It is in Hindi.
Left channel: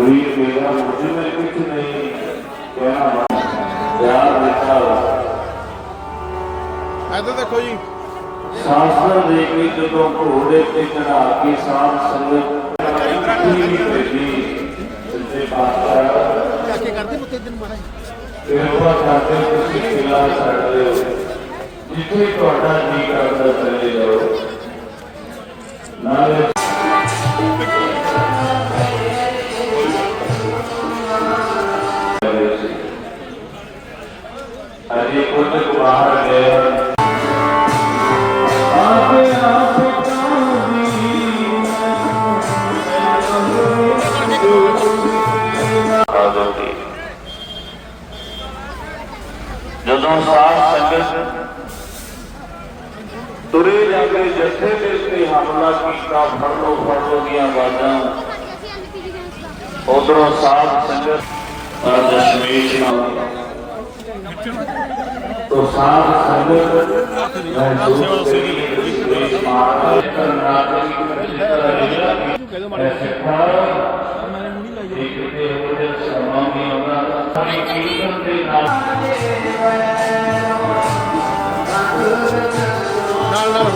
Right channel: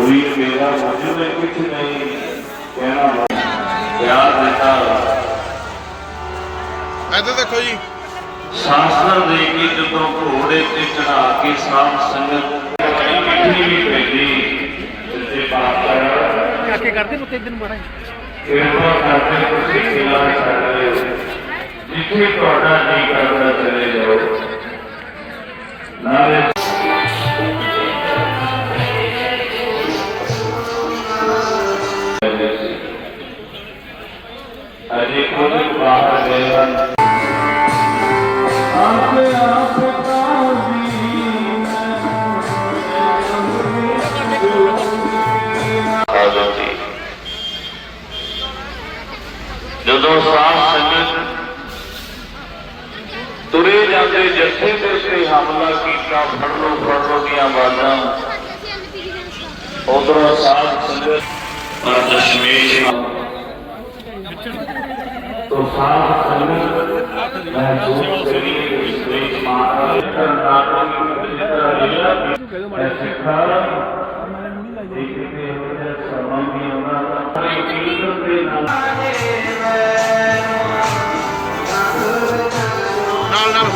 ਵੀਰ ਮੇਰਾ ਮੁਝੇ में कुछ नहीं कहना प्यार देता ਇੱਧਰ ਦੇਖੋ ਜੀ ਸ਼ਾਸਤਰ ਦੇ ਕੇ ਜਦੋਂ ਘੋੜੇ ਤੇ ਚੜਾ ਕੇ ਸਾਧ ਸੰਗਤ ਇਕੱਠੀ ਵੀ ਭੇਜੀ ਸੱਚੇ ਪਾਤਸ਼ਾਹ ਕਾਕੇ ਕਰਦੇ ਨੂੰ ਦਿਨ ਬਣਾ ਕਿਰਪਾ ਕਰਕੇ ਤੁਸੀਂ ਕਿਲਾ ਛੱਡ ਦਿਓ ਜਿੱਥੇ ਤੁਹਾਡਾ ਜੀ ਕਰਦਾ ਚਲੇ ਜਾਓ ਅਜੇ ਖੁਦ ਬਾਹਰ ਗਿਆ ਆਪ ਆਪ ਕਾਜੀ ਜਦੋਂ ਸਾਧ ਸੰਗਤ ਤੁਰੇ ਜਾਂਦੇ ਜੱਥੇ ਤੇ ਸੇ ਹਮਲਾ ਕੀਤਾ ਫੜ ਲੋ ਫੜ ਲੋ ਦੀਆਂ ਬਾਤਾਂ ਉਧਰੋਂ ਸਾਧ ਸੰਗਤ और दशमेश तो साफ़ संगत महसूस नाल नाल।